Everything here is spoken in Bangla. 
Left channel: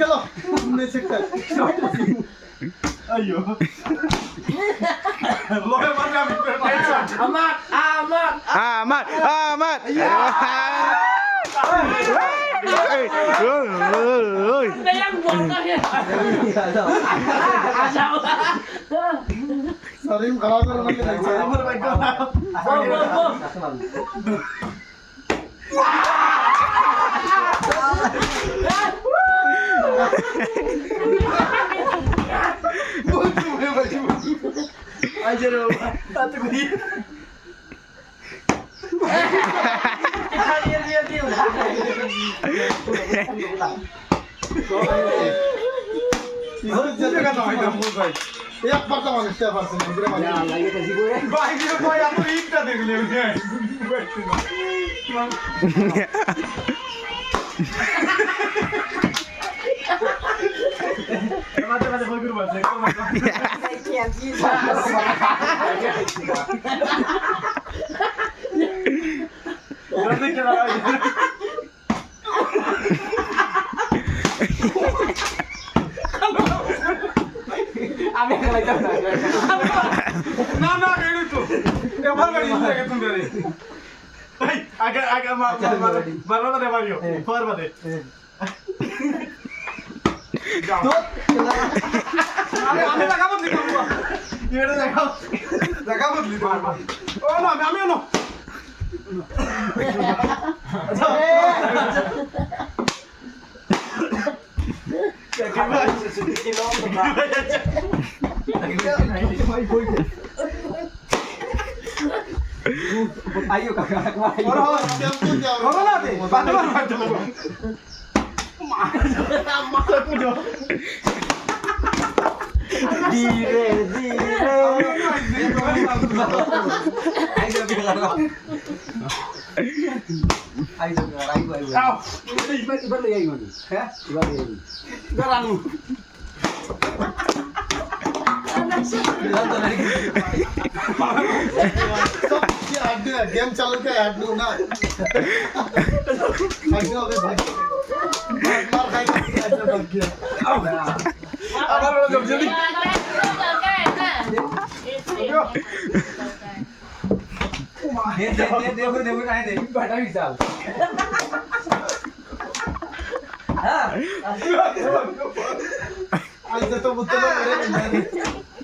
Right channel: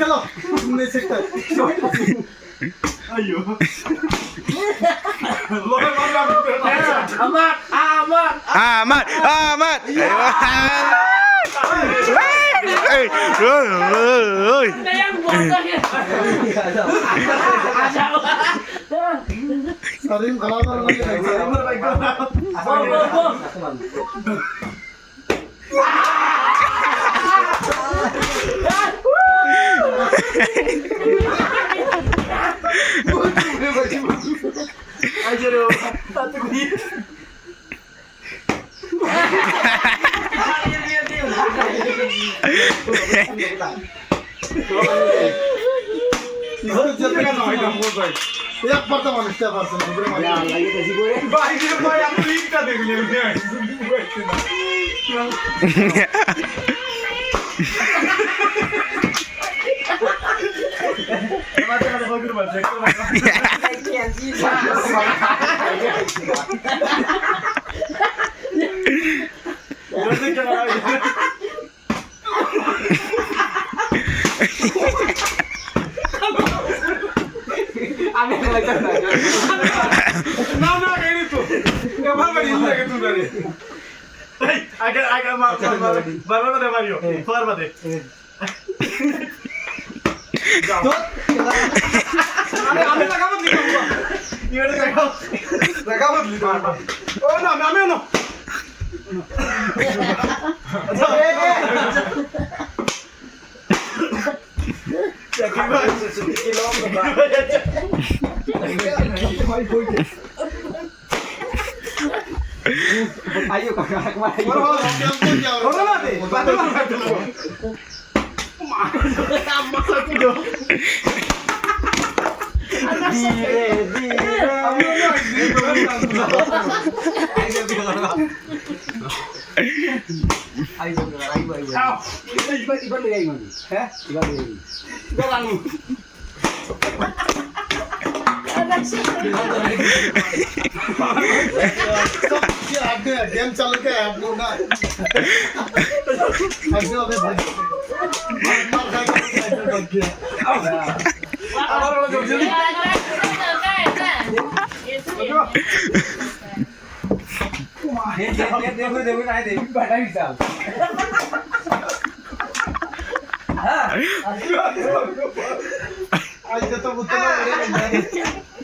খেলো नहीं सकता अयो लोहे मारना Ahmad. सरीम खराब कर मुझे सरीम पर बैठ आइजरो ताते को ये घर जते का नय दम बोल भाई एक बार तो मानते पारছেন দুপুরে মানে লাগে বেশি করে ভাই রে ভাই আপনি ইটটা দেখলে আমাদের কাছে বগির বাজে ना ना कहीं तो कमाल कर इन लगे तू तेरे आगे आगे मार दे मारियो फर बदे जाओ আমি লাগা বদলি করব ইওরে লাগা বদলি করব ও না আমি না ayo kakak corona deh bantuan masa tuh dong dire ayo iban lagi gimana ya iban lagi sekarang game चालू क्या ऐड लो ना भाग्य अबे भाग्य मार भाग्य ऐड लो भाग्य अब वाला जब जल्दी देखो नहीं दे बड़ा भी साल हां आज तो मुझे ना